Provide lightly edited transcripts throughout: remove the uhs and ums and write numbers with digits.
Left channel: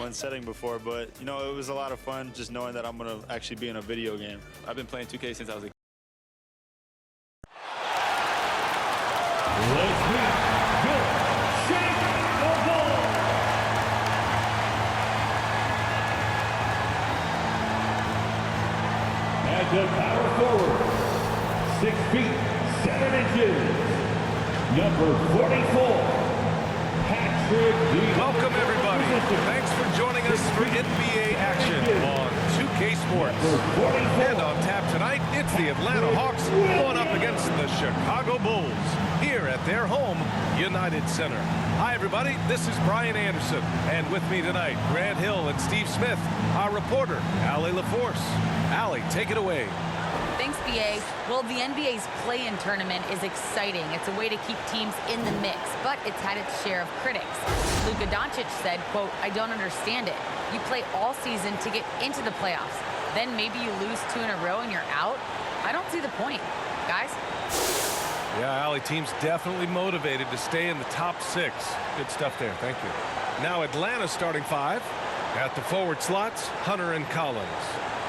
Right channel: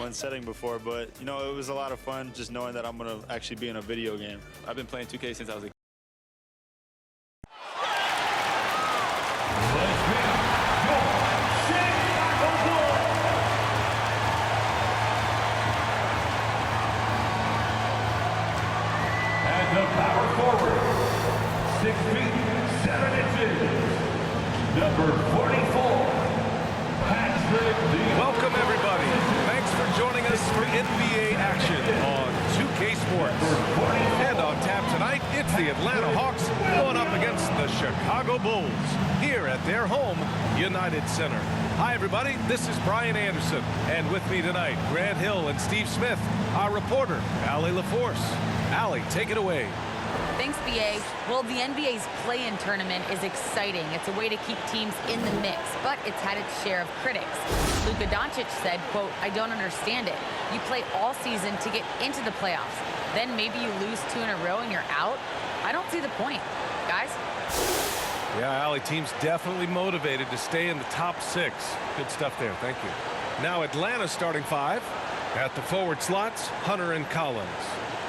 one setting before, but, you know, it was a lot of fun just knowing that I'm going to actually be in a video game. I've been playing 2K since I was a kid. Let's meet your Chicago Bulls. At the power forward, 6 feet, 7 inches, number 44, Patrick. Welcome, everybody. Thanks for joining us for NBA action on 2K Sports. And on tap tonight, it's the Atlanta Hawks going up against the Chicago Bulls here at their home, United Center. Hi, everybody. This is Brian Anderson. And with me tonight, Grant Hill and Steve Smith, our reporter, Allie LaForce. Allie, take it away. Thanks, BA. Well, the NBA's play-in tournament is exciting. It's a way to keep teams in the mix, but it's had its share of critics. Luka Doncic said, quote, "I don't understand it. You play all season to get into the playoffs. Then maybe you lose 2 in a row and you're out? I don't see the point." Guys? Yeah, Allie, team's definitely motivated to stay in the top 6. Good stuff there. Thank you. Now Atlanta's starting 5. At the forward slots, Hunter and Collins.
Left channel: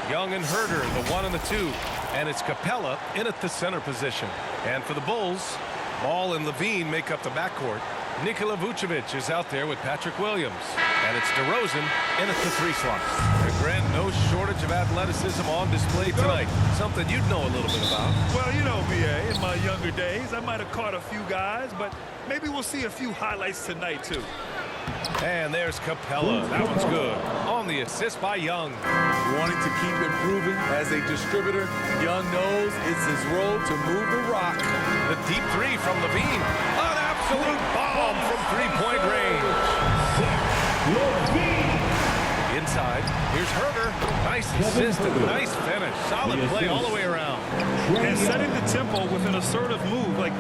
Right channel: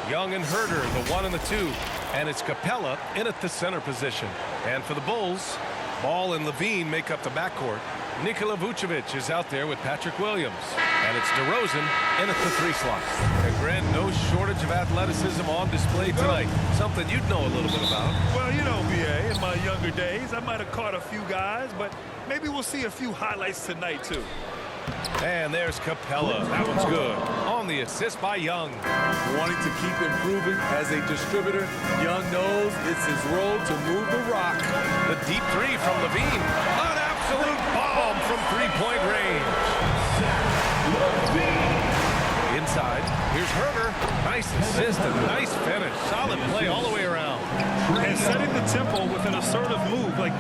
Young and Herder, the 1 and the 2. And it's Capella in at the center position. And for the Bulls, Ball and Levine make up the backcourt. Nikola Vucevic is out there with Patrick Williams. And it's DeRozan in at the 3 slot. And Grant, no shortage of athleticism on display tonight. Something you'd know a little bit about. Well, you know, BA, in my younger days, I might have caught a few guys, but maybe we'll see a few highlights tonight, too. And there's Capella. That one's good. On the assist by Young. Wanting to keep improving as a distributor, Young knows it's his role to move the rock. The deep 3 from Levine. An absolute bomb from 3-point range. Inside, here's Herder. Nice assist and nice finish. Solid play all the way around. And setting the tempo with an assertive move. Like,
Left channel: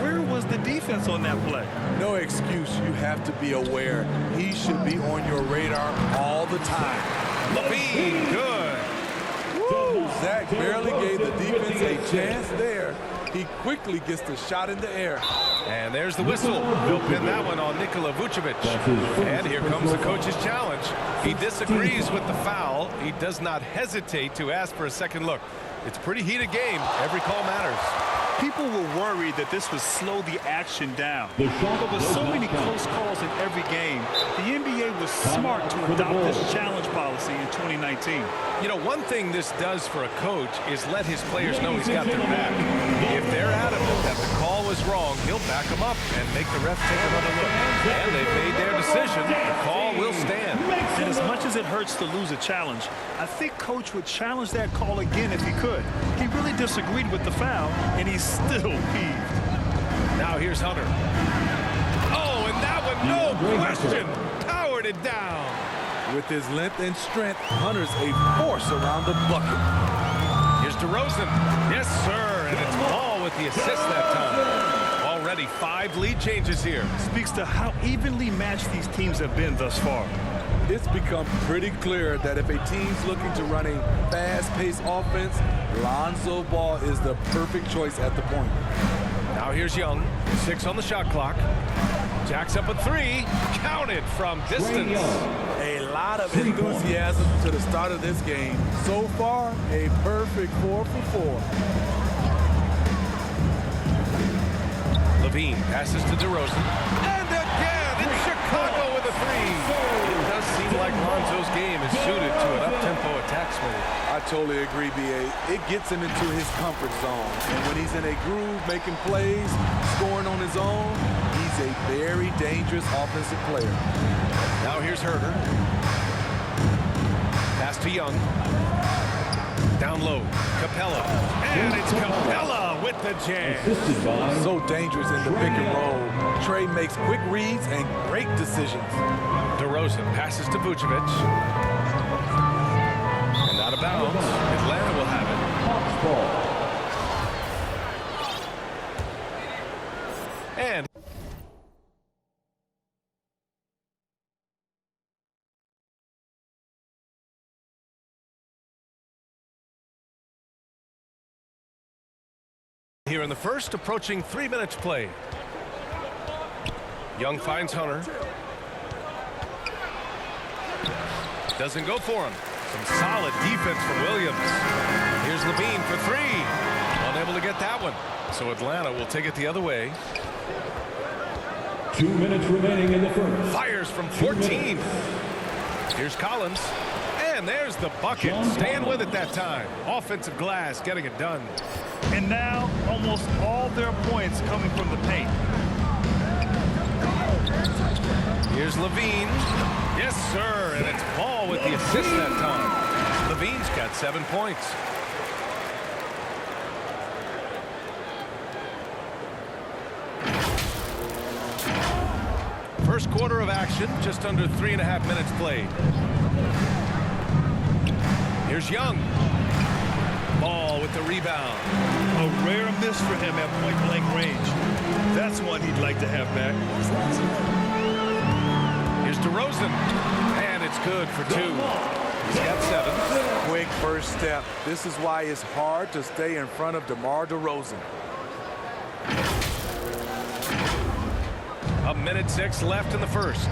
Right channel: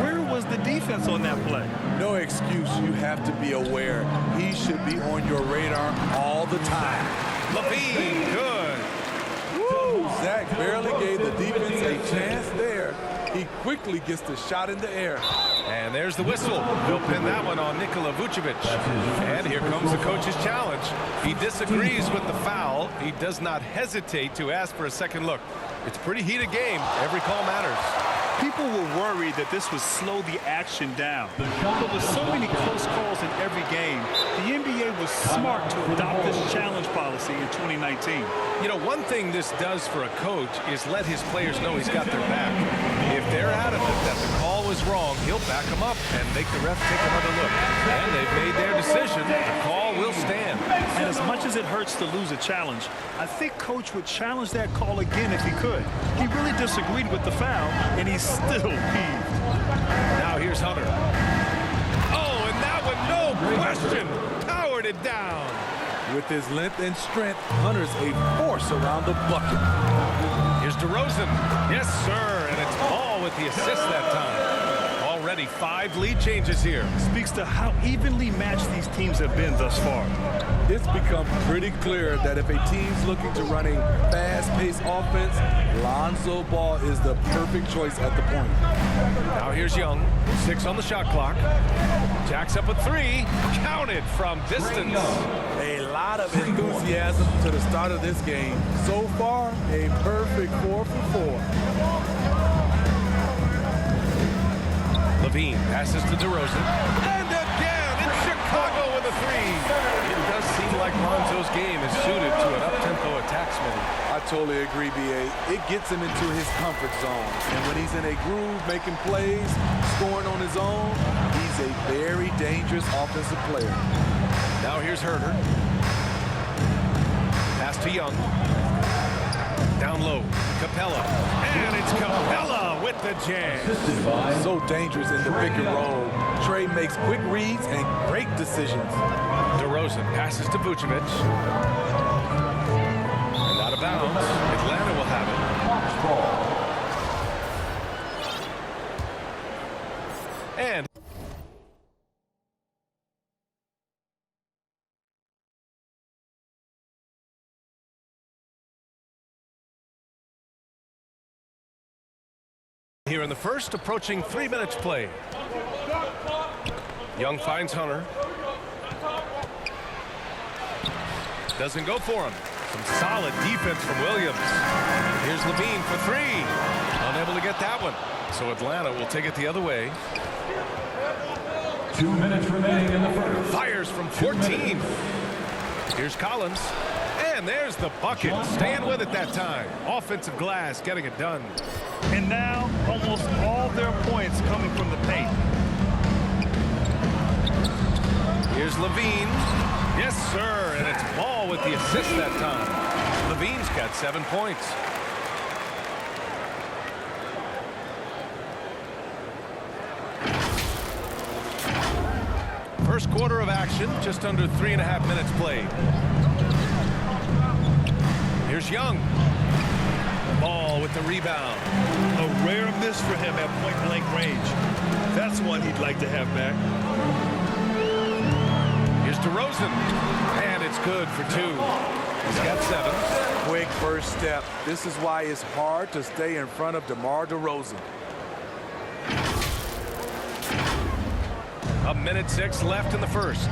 where was the defense on that play? No excuse. You have to be aware. He should be on your radar all the time. Levine, good. Woo! Zach barely gave the defense a chance there. He quickly gets the shot in the air. And there's the whistle. They'll pin that one on Nikola Vucevic. And here comes the coach's challenge. He disagrees with the foul. He does not hesitate to ask for a second look. It's a pretty heated game. Every call matters. People were worried that this would slow the action down. But with so many close calls in every game, the NBA was smart to adopt this challenge policy in 2019. You know, one thing this does for a coach is let his players know he's got their back. If they're adamant that the call was wrong, he'll back them up and make the refs take another look. And they've made their decision. The call will stand. And as much as it hurts to lose a challenge, I think Coach would challenge that call again if he could. He really disagreed with the foul, and he's still peeved. Now here's Hunter. Oh, and that one, no question, powered it down. With his length and strength, Hunter's a force around the bucket. Here's DeRozan. Yes, sir, and it's Ball with the assist that time. Already 5 lead changes here. Speaks to how evenly matched these teams have been thus far. It's become pretty clear that if a team's looking to run a fast-paced offense, Lonzo Ball is the perfect choice at the point. Now here's Young. 6 on the shot clock. Jacks up a 3. Counted from distance. A lot of enthusiasm to the start of this game. So far, a perfect 4 for 4. Levine passes to DeRozan. And again, it's Chicago with a 3. It does seem like Lonzo's game is suited to an up-tempo attack, Smitty. I totally agree, B.A. It gets him into his comfort zone. And when he's in a groove, making plays, scoring on his own, he's a very dangerous offensive player. Now here's Herder. Pass to Young. Down low, Capella. And it's Capella with the jam. So dangerous in the pick and roll. Trey makes quick reads and great decisions. DeRozan passes to Vucevic. And out of bounds. Atlanta will have it. And here in the first, approaching 3 minutes play. Young finds Hunter. Doesn't go for him. Some solid defense from Williams. Here's Levine for three. Unable to get that one. So Atlanta will take it the other way. 2 minutes remaining in the first. Fires from 14. Here's Collins. And there's the bucket. Staying with it that time. Offensive glass getting it done. And now almost all their points coming from the paint. Here's Levine. Yes, sir. And it's Ball with the assist that time. Levine's got 7 points. First quarter of action, just under 3.5 minutes played. Here's Young. Ball with the rebound. A rare miss for him at point-blank range. That's one he'd like to have back. Here's DeRozan. And it's good for 2. He's got 7. Quick first step. This is why it's hard to stay in front of DeMar DeRozan. 1:06 left in the first.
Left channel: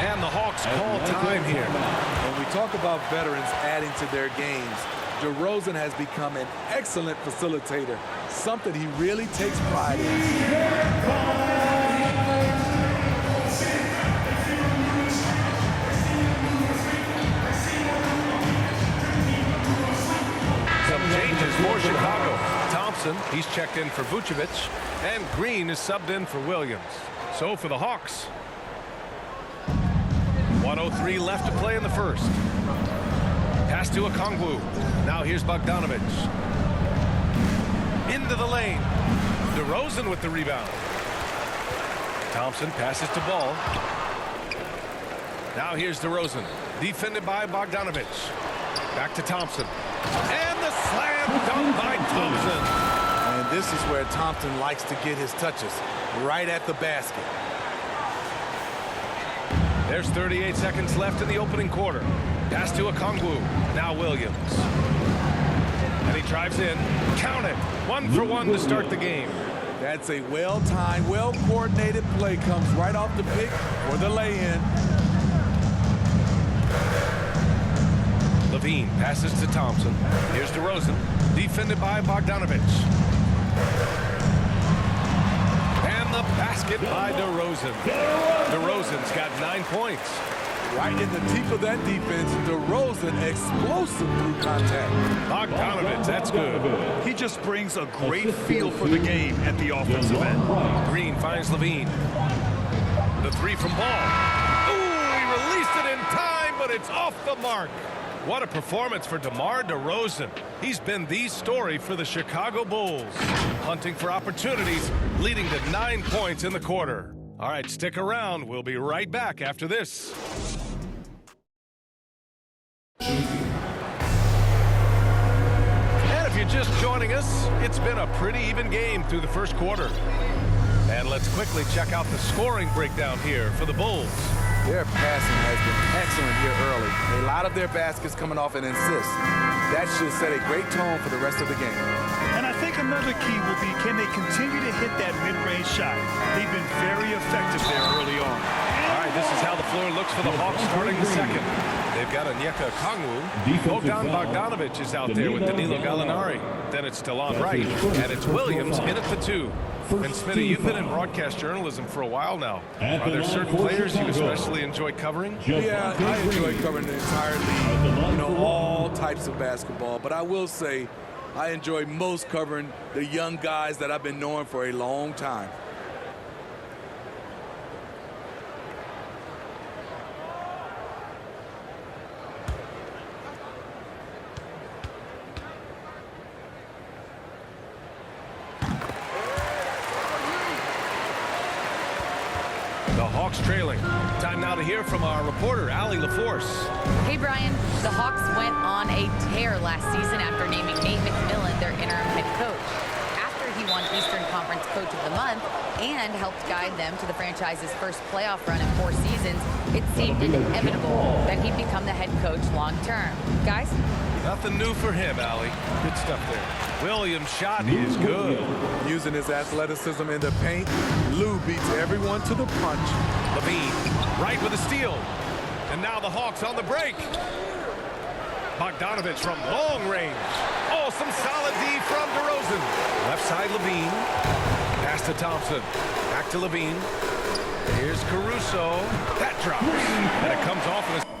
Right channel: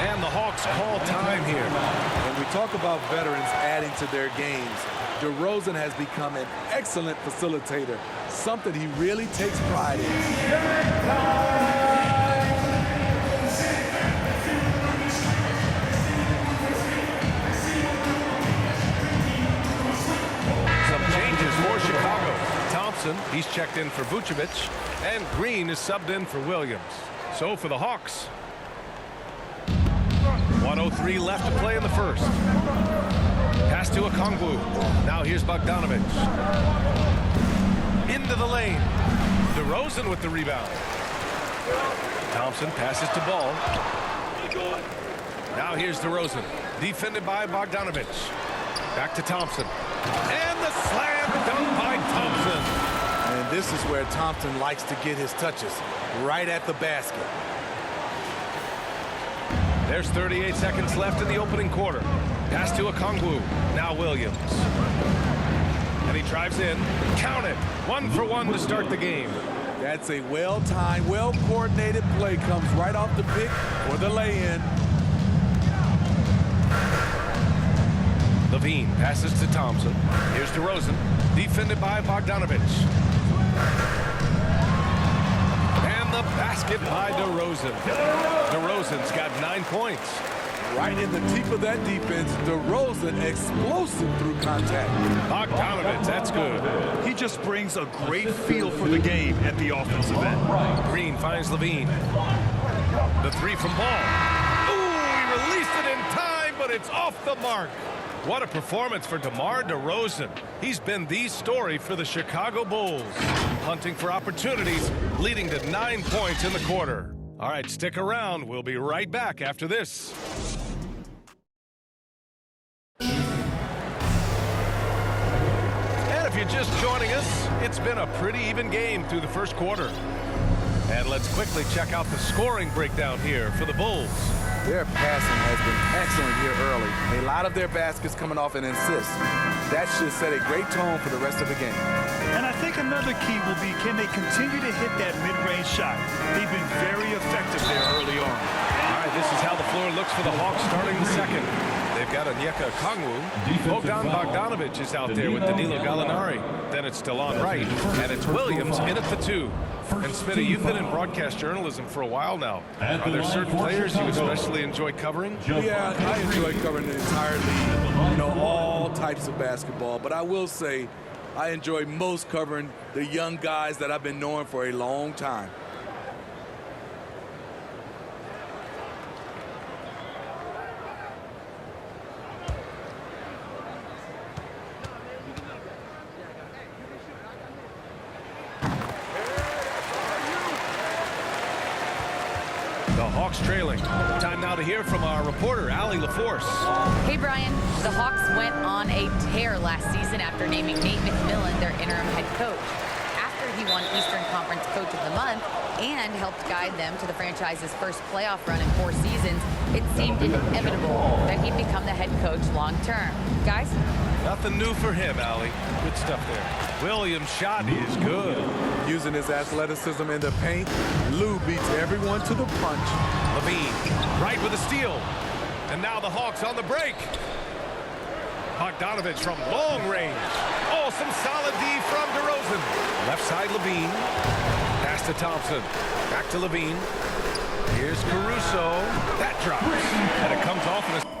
And the Hawks call time here. When we talk about veterans adding to their games, DeRozan has become an excellent facilitator, something he really takes pride in. Some changes for Chicago. Thompson, he's checked in for Vucevic, and Green is subbed in for Williams. So for the Hawks, 1:03 left to play in the first. Pass to Okongwu. Now here's Bogdanovic. Into the lane. DeRozan with the rebound. Thompson passes to Ball. Now here's DeRozan. Defended by Bogdanovic. Back to Thompson. And the slam dunk by Thompson. And this is where Thompson likes to get his touches, right at the basket. There's 38 seconds left in the opening quarter. Pass to Okongwu. Now Williams. And he drives in. Count it. 1 for 1 to start the game. That's a well-timed, well-coordinated play. Comes right off the pick for the lay-in. Levine passes to Thompson. Here's DeRozan. Defended by Bogdanovic. And the basket by DeRozan. DeRozan's got 9 points. Right in the teeth of that defense, DeRozan explosive through contact. Bogdanovic, that's good. He just brings a great feel for the game at the offensive end. Green finds Levine. The 3 from Ball. Ooh, he released it in time, but it's off the mark. What a performance for DeMar DeRozan. He's been the story for the Chicago Bulls. Hunting for opportunities, leading to 9 points in the quarter. All right, stick around. We'll be right back after this. And if you're just joining us, it's been a pretty even game through the first quarter. And let's quickly check out the scoring breakdown here for the Bulls. Their passing has been excellent here early. A lot of their baskets coming off an assist. That should set a great tone for the rest of the game. And I think another key will be, can they continue to hit that mid-range shot? They've been very effective there early on. All right, this is how the floor looks for the Hawks starting the second. They've got Onyeka Okongwu. Bogdan Bogdanovic is out there with Danilo Gallinari. Then it's Delon Wright, and it's Williams in at the 2. And Smitty, you've been in broadcast journalism for a while now. Are there certain players you especially enjoy covering? Yeah, I enjoy covering the entire league, you know, all types of basketball. But I will say I enjoy most covering the young guys that I've been knowing for a long time. The Hawks trailing. Time now to hear from our reporter, Allie LaForce. Hey, Brian. The Hawks went on a tear last season after naming Nate McMillan their interim head coach. After he won Eastern Conference Coach of the Month and helped guide them to the franchise's first playoff run in 4 seasons, it seemed inevitable that he'd become the head coach long term. Guys? Nothing new for him, Allie. Good stuff there. Williams' shot is good. Using his athleticism in the paint, Lou beats everyone to the punch. Levine, right with a steal. And now the Hawks on the break. Bogdanovich from long range. Oh, some solid D from DeRozan. Left side, Levine. Pass to Thompson. Back to Levine. Here's Caruso. That drops. And it comes off in a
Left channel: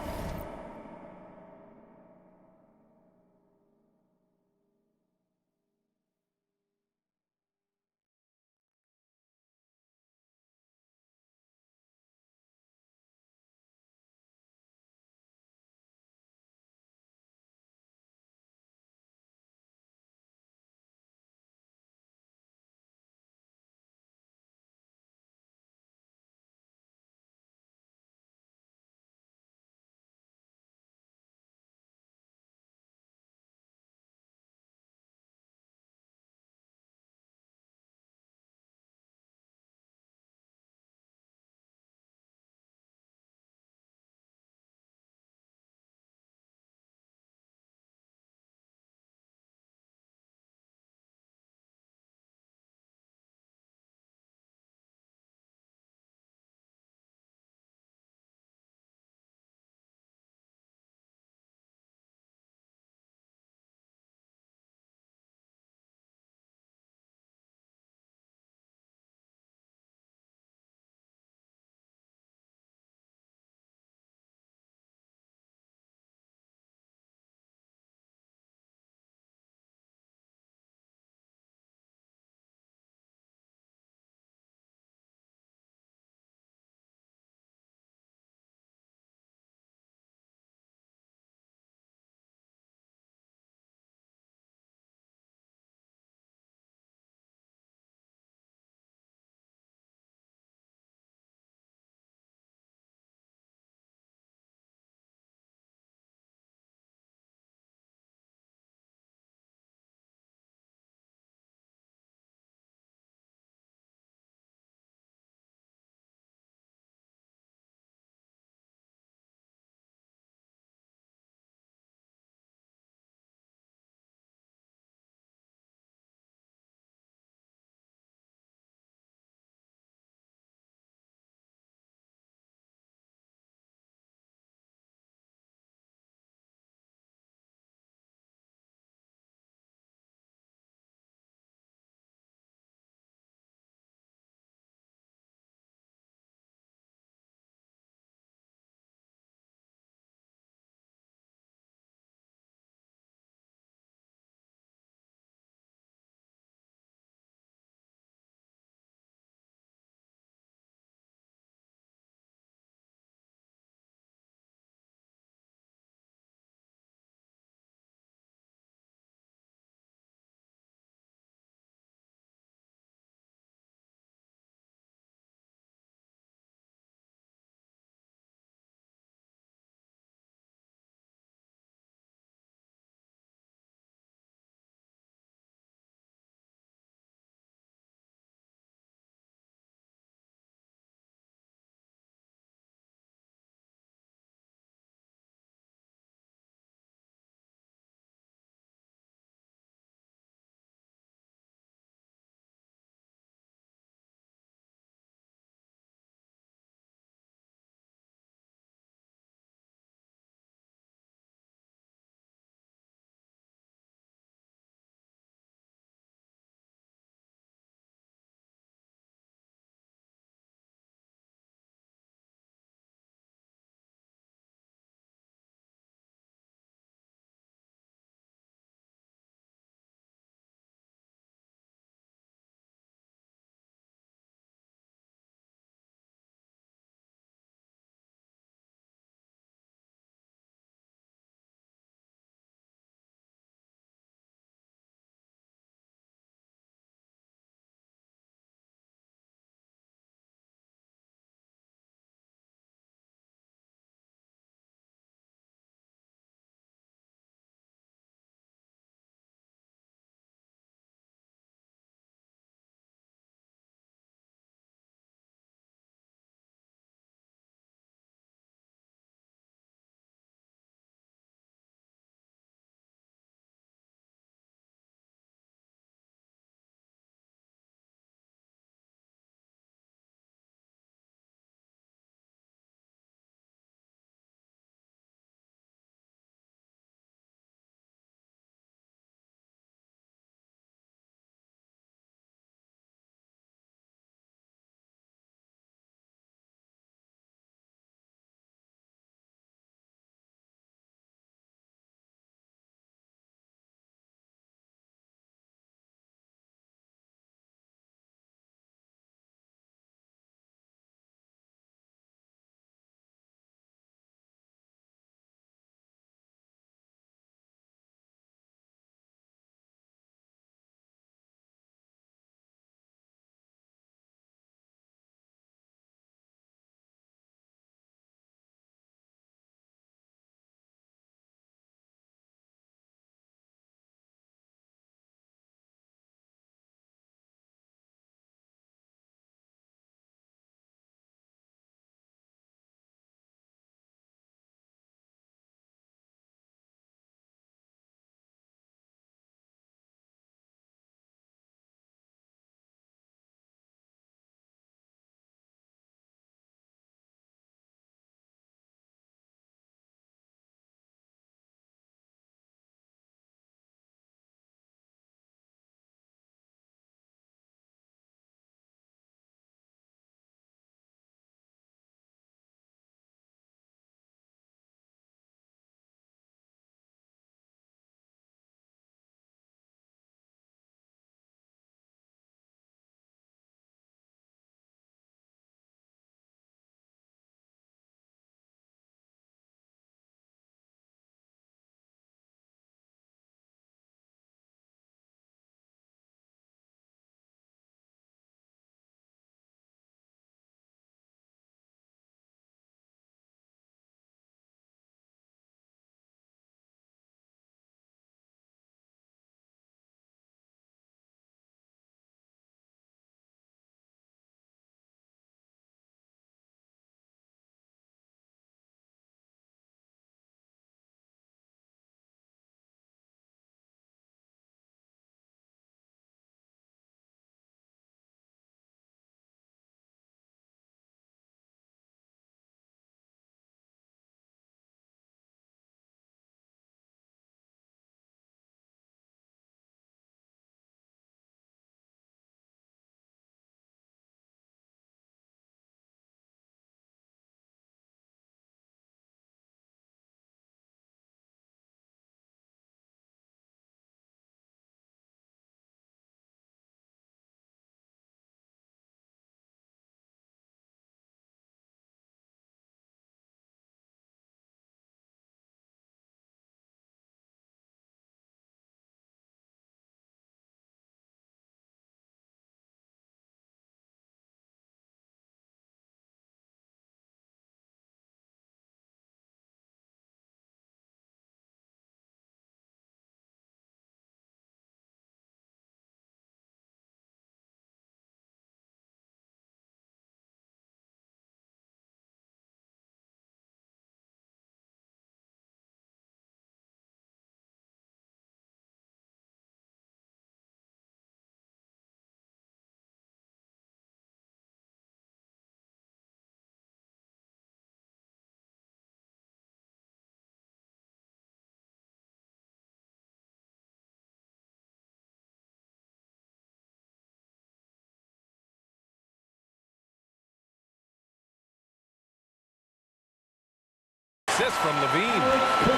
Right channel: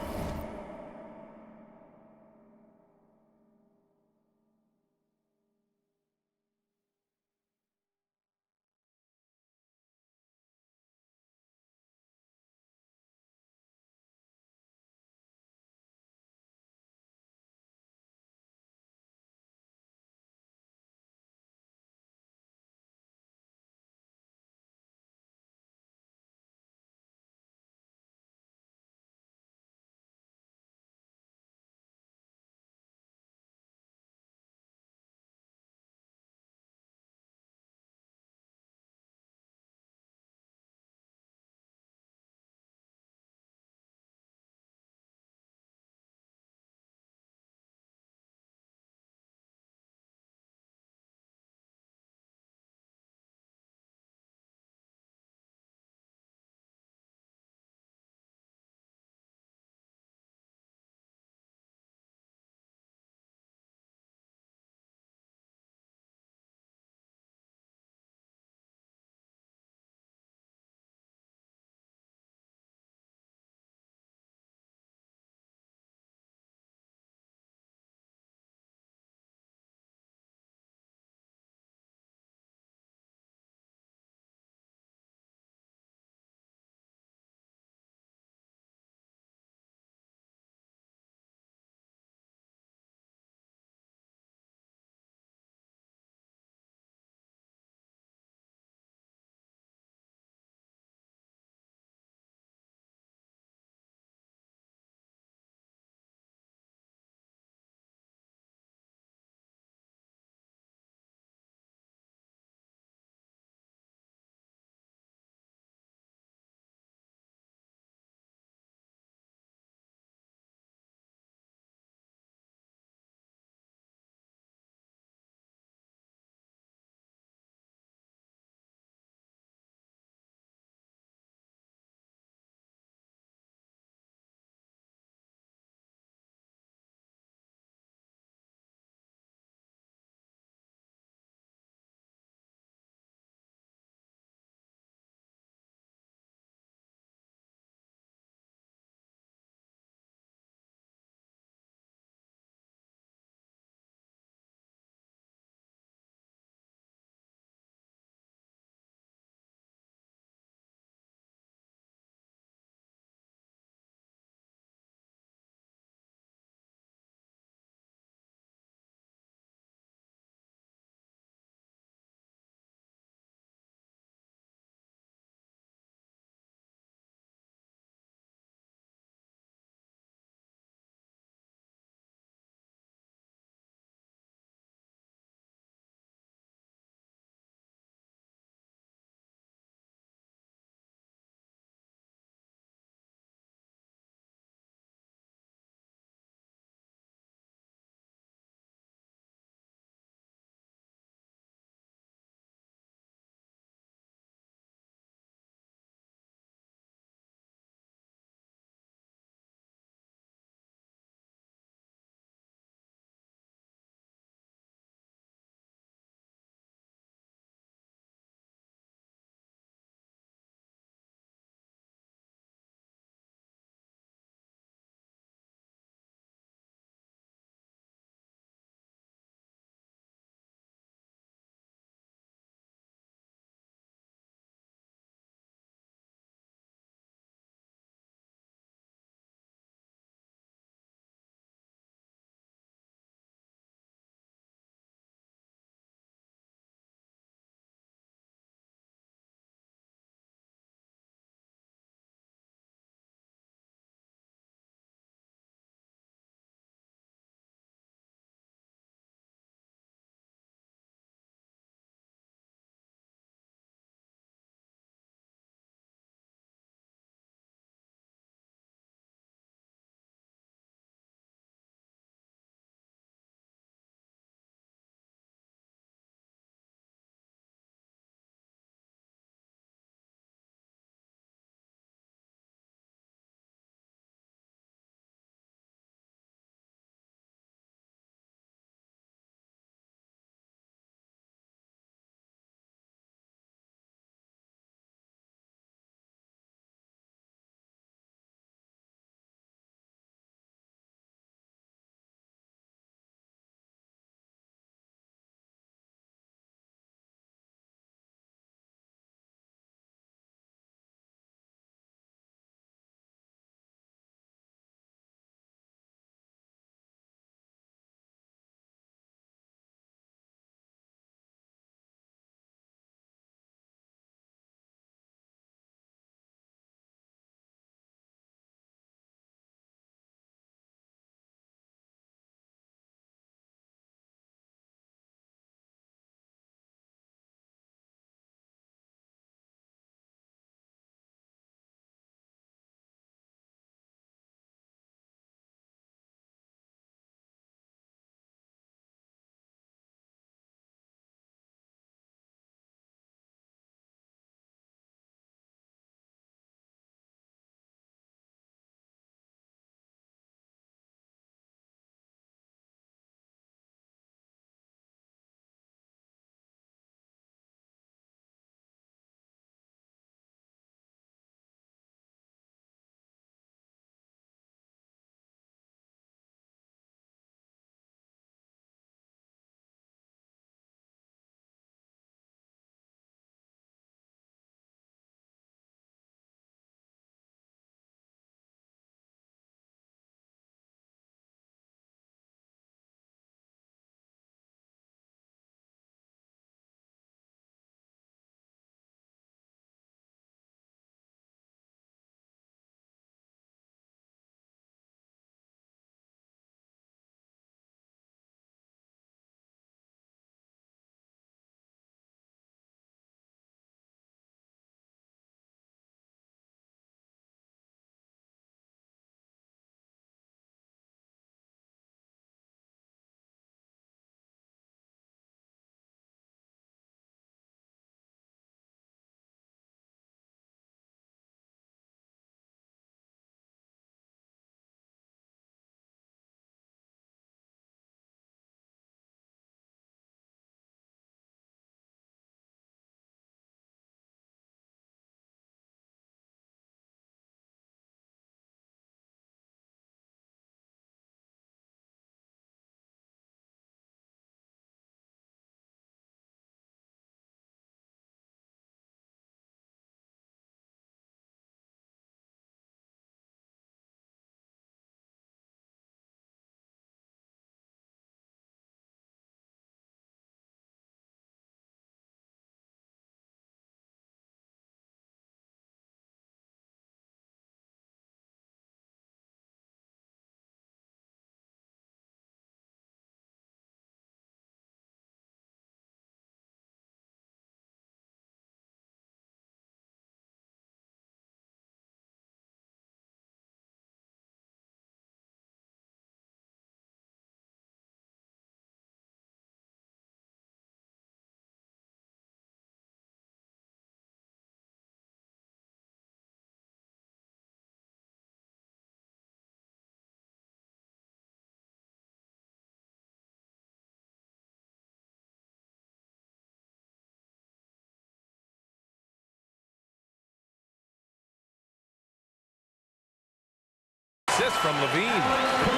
assist from Levine.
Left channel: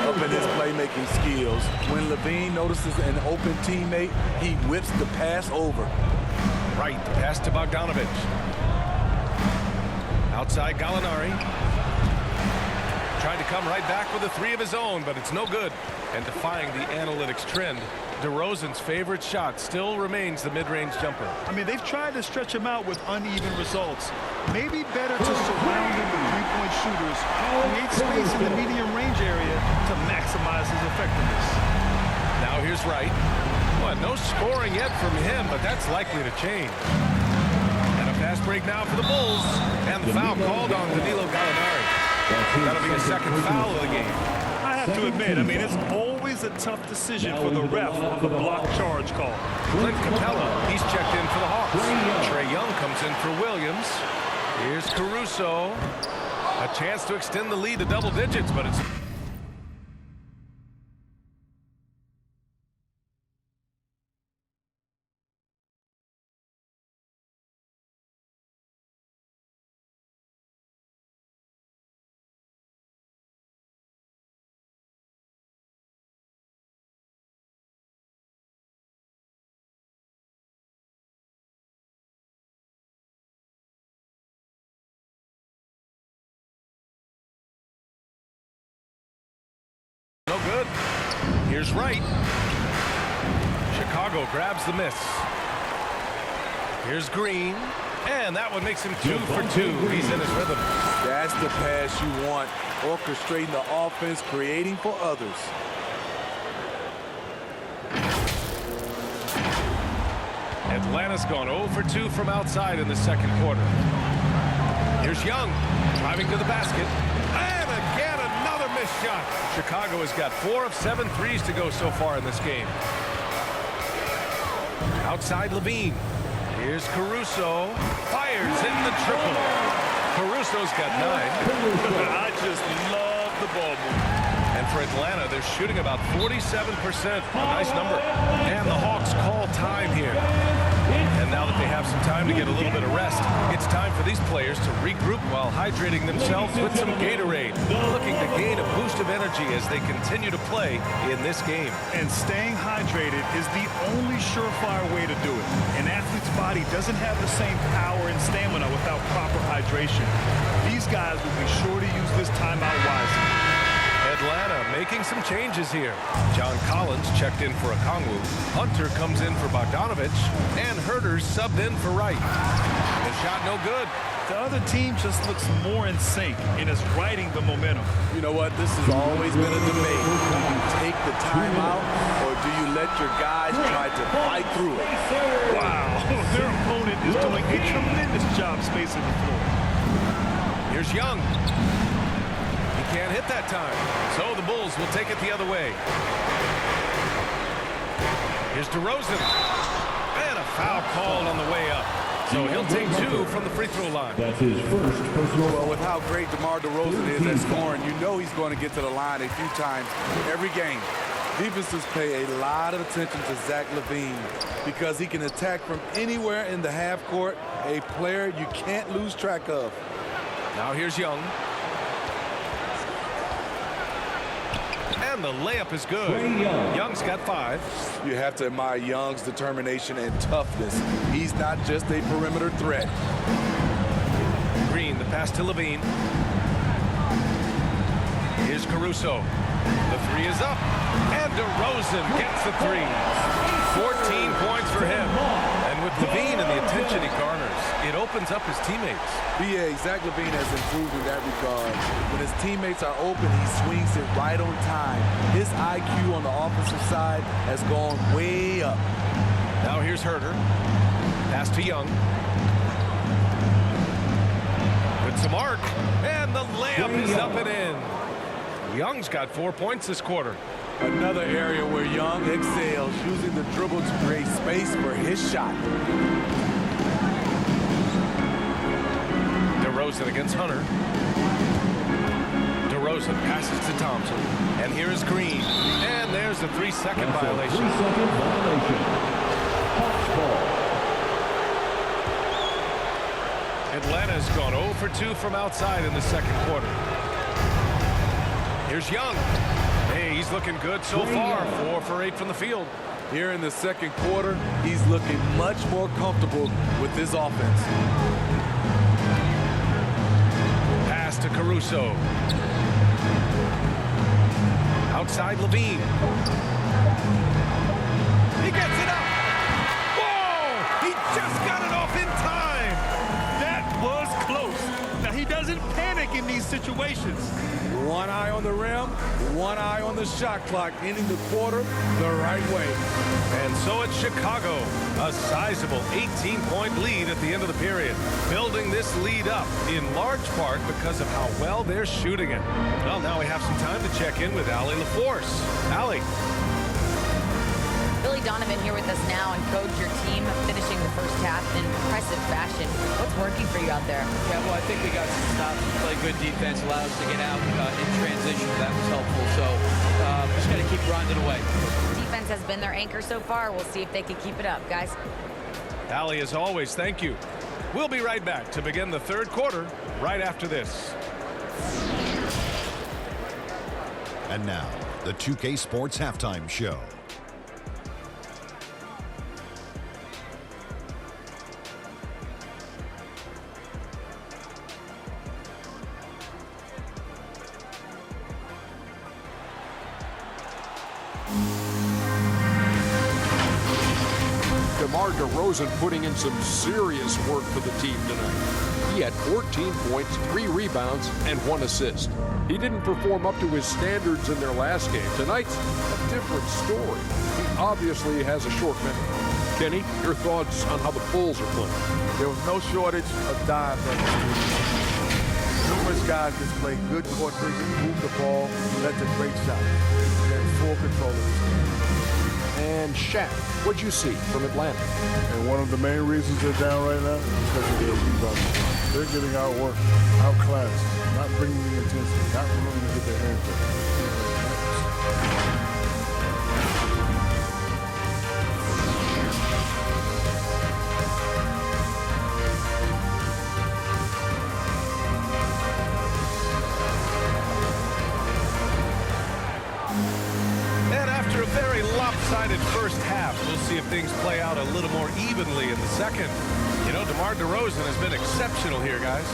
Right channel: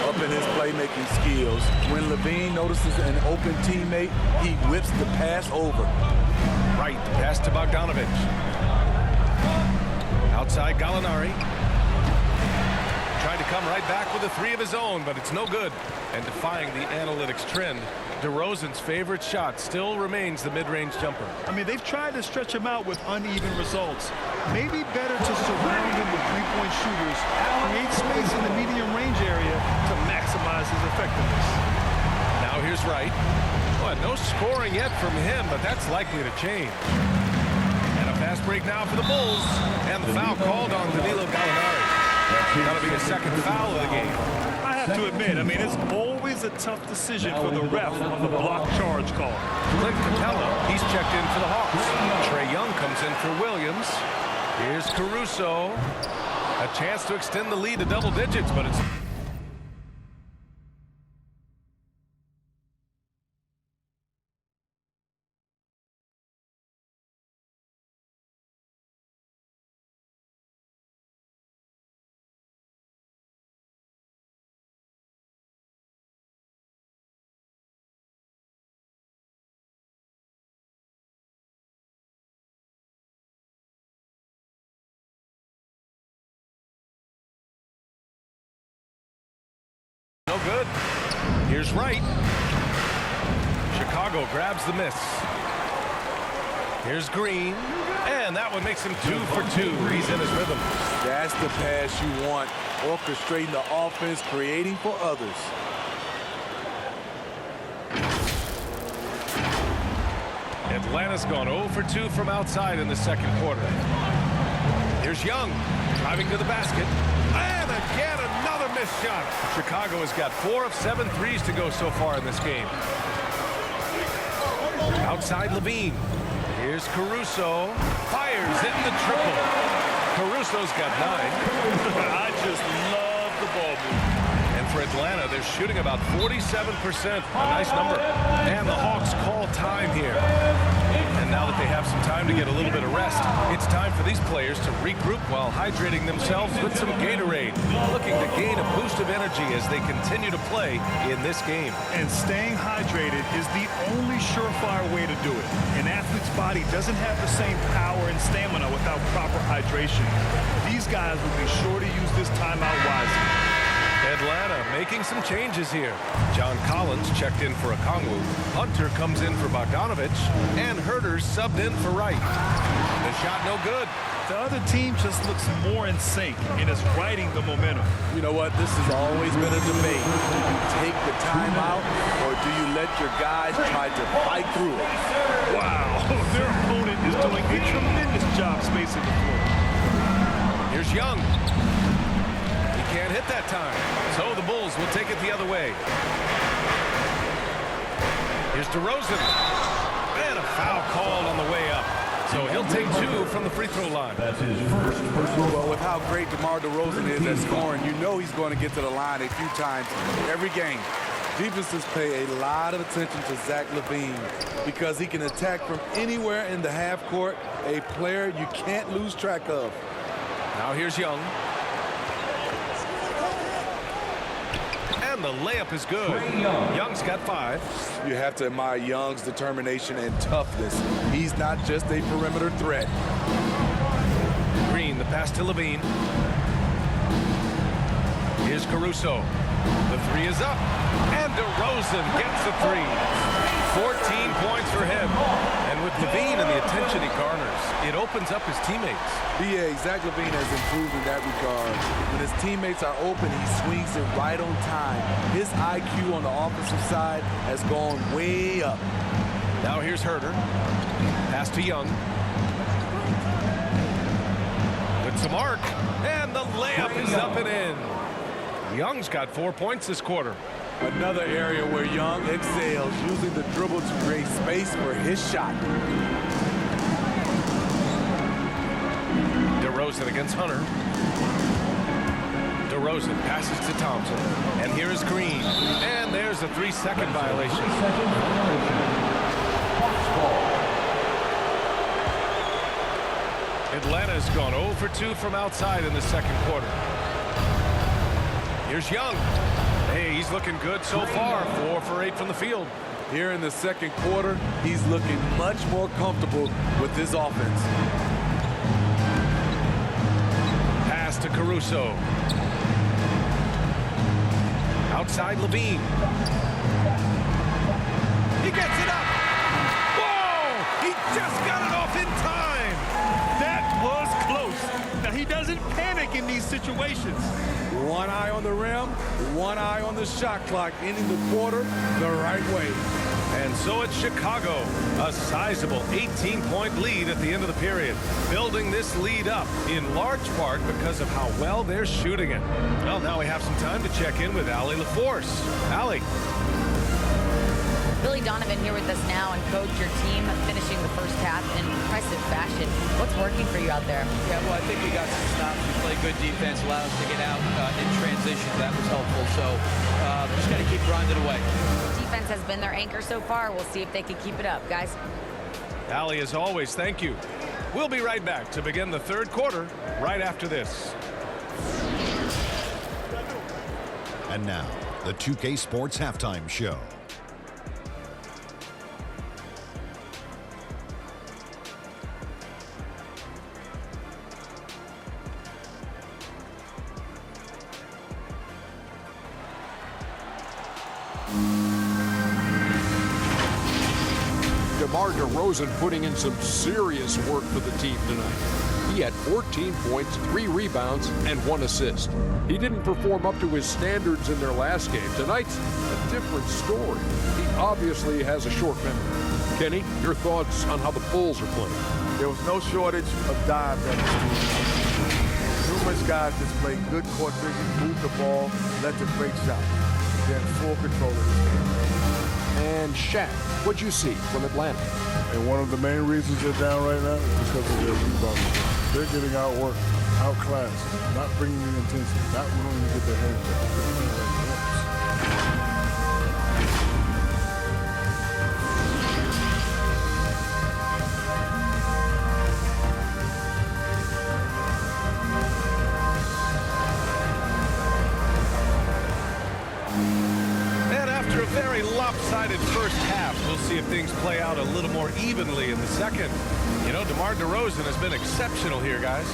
Up in his playmaking skills. When Levine notices an open teammate, he whips the pass over. Right, the pass to Bogdanovich. Outside Gallinari. Tried to come right back with a three of his own, but it's no good. And defying the analytics trend, DeRozan's favorite shot still remains the mid-range jumper. I mean, they've tried to stretch him out with uneven results. Maybe better to surround him with three-point shooters, create space in the medium range area to maximize his effectiveness. Now here's Wright. Well, no scoring yet from him, but that's likely to change. And a fast break now for the Bulls. And the foul called on Danilo Gallinari. That'll be his second foul of the game. I have to admit, I mean, it's always a tough decision for the ref on the block charge call. Clint Capella, he's checked in for the Hawks. Trae Young comes in for Williams. Here's Caruso. A chance to extend the lead to double digits, but it's... no good. Here's Wright. Chicago grabs the miss. Here's Green. And that one makes him 2 for 2. He's in his rhythm. That's the pass you want. Orchestrating the offense, creating for others. Atlanta's gone 0 for 2 from outside in the second quarter. Here's Young driving to the basket. And again, another missed shot. Chicago has got 4 of 7 threes to go so far in this game. Outside Levine. Here's Caruso. Fires in the triple. Caruso's got 9. I just love the ball movement. And for Atlanta, they're shooting about 47%. A nice number. And the Hawks call time here. And now that they have some time to get a little bit of rest, it's time for these players to regroup while hydrating themselves with some Gatorade, looking to gain a boost of energy as they continue to play in this game. And staying hydrated is the only surefire way to do it. An athlete's body doesn't have the same power and stamina without proper hydration. These guys will be sure to use this timeout wisely. Atlanta making some changes here. John Collins checked in for Okongwu. Hunter comes in for Bogdanovich. And Herter's subbed in for Wright. The shot no good. The other team just looks more in sync and is riding the momentum. You know what? This has always been a debate. Do you take the timeout or do you let your guys try to fight through it? Wow, their opponent is doing a tremendous job spacing the floor. Here's Young. He can't hit that time. So the Bulls will take it the other way. Here's DeRozan. And a foul called on the way up. So he'll take 2 from the free throw line. That's his first personal. Well, with how great DeMar DeRozan is at scoring, you know he's going to get to the line a few times every game. Defenses pay a lot of attention to Zach LaVine because he can attack from anywhere in the half court, a player you can't lose track of. Now here's Young. And the layup is good. Young's got 5. You have to admire Young's determination and toughness. He's not just a perimeter threat. Green, the pass to Levine. Here's Caruso. The 3 is up. And DeRozan gets the 3. 14 points for him. And with Levine and the attention he garners, it opens up his teammates. B.A. Zach LaVine has improved in that regard. When his teammates are open, he swings it right on time. His IQ on the offensive side has gone way up. Now here's Herter. Pass to Young. With some arc. And the layup is up and in. Young's got 4 points this quarter. Another area where Young excels, using the dribble to create space for his shot. DeRozan against Hunter. DeRozan passes to Thompson. And here is Green. And there's a 3-second violation. 3-second violation. Hawks ball. Atlanta's gone 0 for 2 from outside in the second quarter. Here's Young. Hey, he's looking good so far. 4 for 8 from the field. Here in the second quarter, he's looking much more comfortable with this offense. Pass to Caruso. Outside Levine. He gets it up. Whoa! He just got it off in time. That was close. Now, he doesn't panic in these situations. One eye on the rim, one eye on the shot clock, ending the quarter the right way. And so it's Chicago, a sizable 18-point lead at the end of the period, building this lead up in large part because of how well they're shooting it. Well, now we have some time to check in with Allie LaForce. Allie. Billy Donovan here with us now, and coach, your team finishing the first half in impressive fashion. What's working for you out there? Yeah, well, I think we got some stops. We played good defense, allowed us to get out in transition. That was helpful. So just got to keep grinding away. Defense has been their anchor so far. We'll see if they can keep it up, guys. Allie, as always, thank you. We'll be right back to begin the third quarter right after this. And now, the 2K Sports Halftime Show. DeMar DeRozan putting in some serious work for the team tonight. He had 14 points, 3 rebounds, and 1 assist. He didn't perform up to his standards in their last game. Tonight's a different story. He obviously has a short memory. Kenny, your thoughts on how the Bulls are playing? There was no shortage of dimes on this team. Numerous guys displayed good court vision, moved the ball, led to great shots. They're in full control of this game. And Shaq, what'd you see from Atlanta? And one of the main reasons they're down right now is because of their rebounding. They're getting outworked, outclassed, not bringing the intensity, not willing to get their hands up. They're playing like wimps. And after a very lopsided first half, we'll see if things play out a little more evenly in the second. You know, DeMar DeRozan has been exceptional here, guys.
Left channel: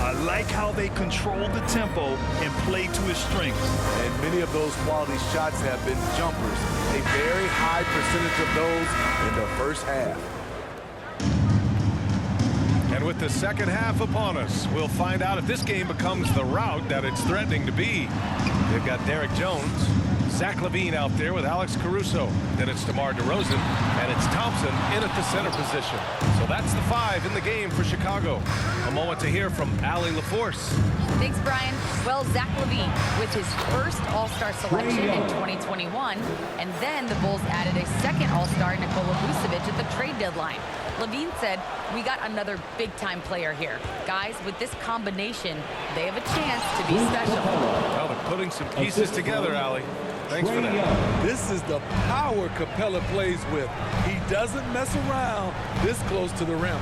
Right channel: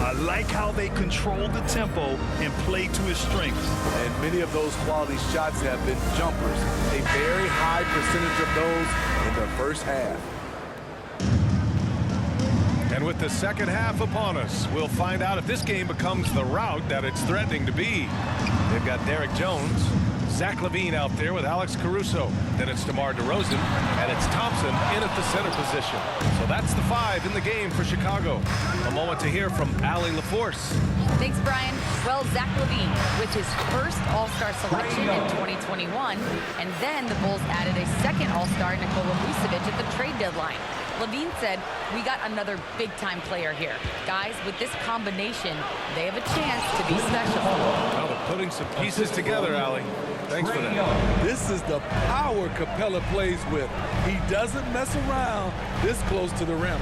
I like how they control the tempo and play to his strengths. And many of those quality shots have been jumpers. A very high percentage of those in the first half. And with the second half upon us, we'll find out if this game becomes the rout that it's threatening to be. They've got Derek Jones, Zach LaVine out there with Alex Caruso. Then it's DeMar DeRozan, and it's Thompson in at the center position. So that's the 5 in the game for Chicago. A moment to hear from Allie LaForce. Thanks, Brian. Well, Zach LaVine with his first All-Star selection in 2021, and then the Bulls added a second All-Star, Nikola Vucevic, at the trade deadline. LaVine said, "We got another big-time player here. Guys, with this combination, they have a chance to be special." Well, they're putting some pieces together, Allie. Thanks for that. This is the power Capella plays with. He doesn't mess around this close to the rim.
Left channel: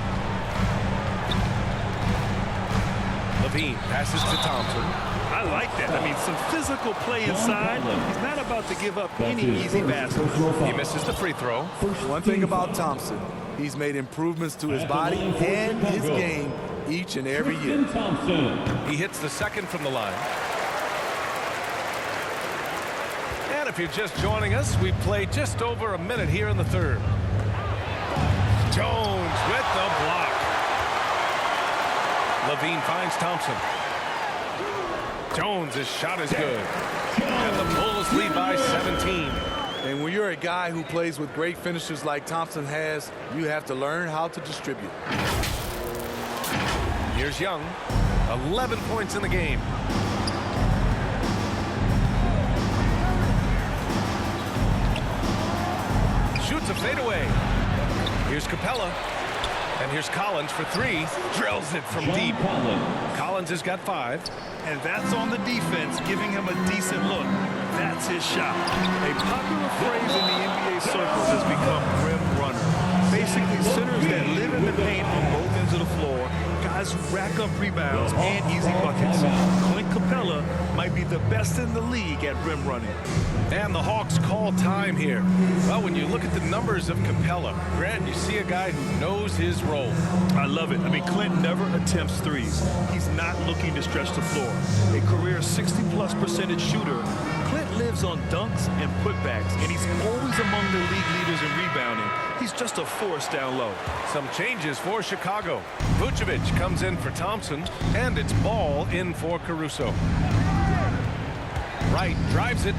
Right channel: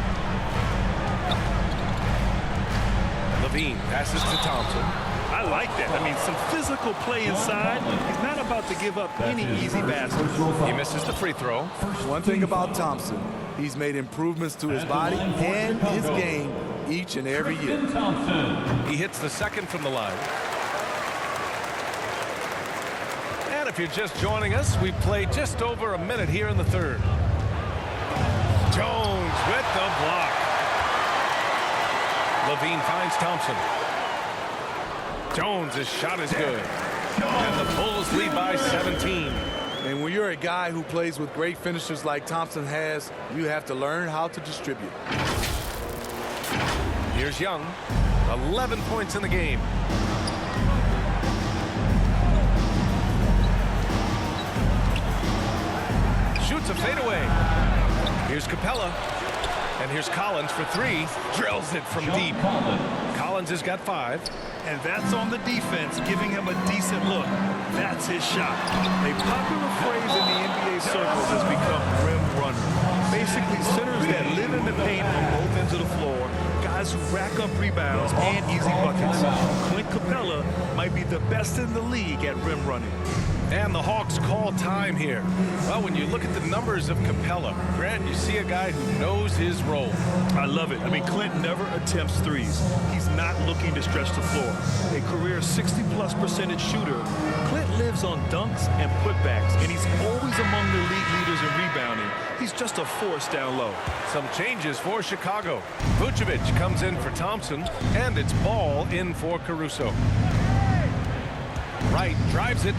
LaVine passes to Thompson. I like that. I mean, some physical play inside. He's not about to give up any easy baskets. He misses the free throw. One thing about Thompson, he's made improvements to his body and his game each and every year. He hits the second from the line. And if you're just joining us, we played just over a minute here in the third. Jones with the block. LaVine finds Thompson. Jones' shot is good. And the Bulls lead by 17. And when you're a guy who plays with great finishers like Thompson has, you have to learn how to distribute. Here's Young. 11 points in the game. Shoots a fadeaway. Here's Capella. And here's Collins for 3. Drills it from deep. Collins has got 5. and that's on the defense, giving him a decent look. That's his shot. A popular phrase in the NBA circles has become rim runner. Basically, centers that live in the paint on both ends of the floor, guys who rack up rebounds and easy buckets. Clint Capella might be the best in the league at rim running. And the Hawks call time here. Well, when you look at the numbers of Capella, Grant, you see a guy who knows his role. I love it. I mean, Clint never attempts threes. He's not looking to stretch the floor. A career 60+% shooter, Clint lives on dunks and putbacks, and he's always among the league leaders in rebounding. He's just a force down low. Some changes for Chicago. Vucevic comes in for Thompson, and it's Ball in for Caruso. Wright drives it.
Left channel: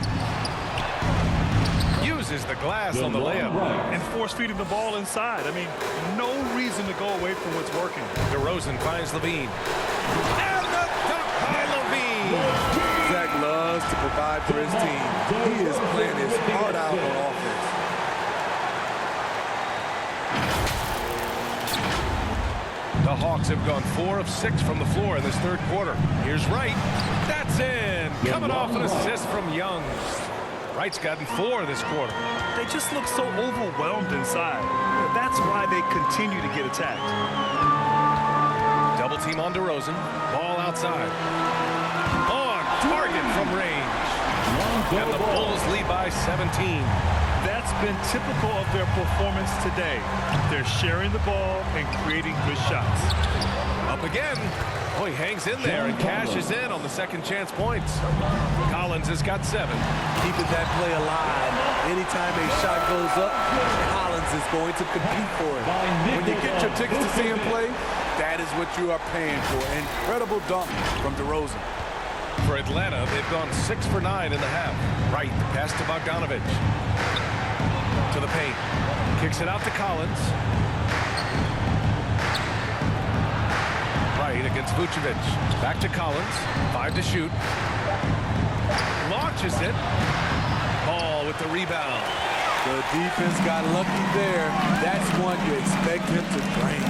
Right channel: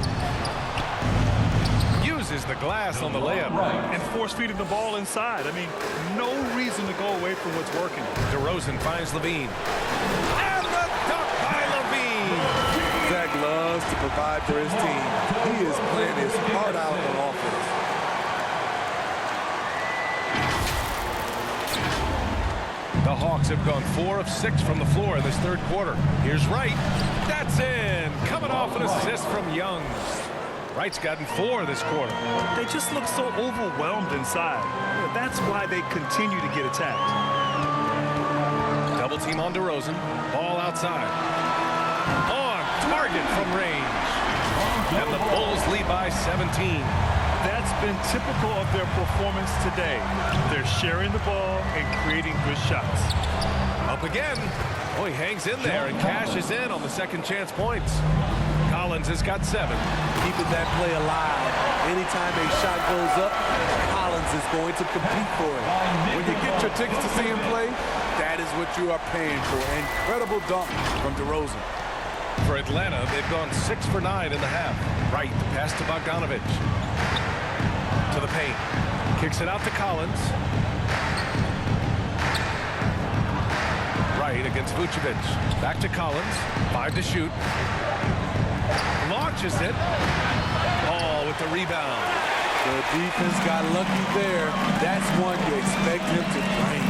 Uses the glass on the layup. And force feeding the ball inside. I mean, no reason to go away from what's working. DeRozan finds Levine. And the dunk by Levine. Zach loves to provide for his team. He is playing his heart out on offense. The Hawks have gone 4 of 6 from the floor in this third quarter. Here's Wright. That's in. Coming off an assist from Young. Wright's gotten 4 this quarter. They just look so overwhelmed inside. That's why they continue to get attacked. Double team on DeRozan. Ball outside. On target from range. And the Bulls lead by 17. That's been typical of their performance today. They're sharing the ball and creating good shots. Up again. Oh, he hangs in there and cashes in on the second chance points. Collins has got 7. Keeping that play alive. Anytime a shot goes up, Collins is going to compete for it. When you get your tickets to see him play, that is what you are paying for. Incredible dunk from DeRozan. For Atlanta, they've gone 6 for 9 in the half. Wright, the pass to Bogdanovic. To the paint. Kicks it out to Collins. Wright against Vucevic. Back to Collins. 5 to shoot. Launches it. Ball with the rebound. The defense got lucky there. That's one you expect him to drain.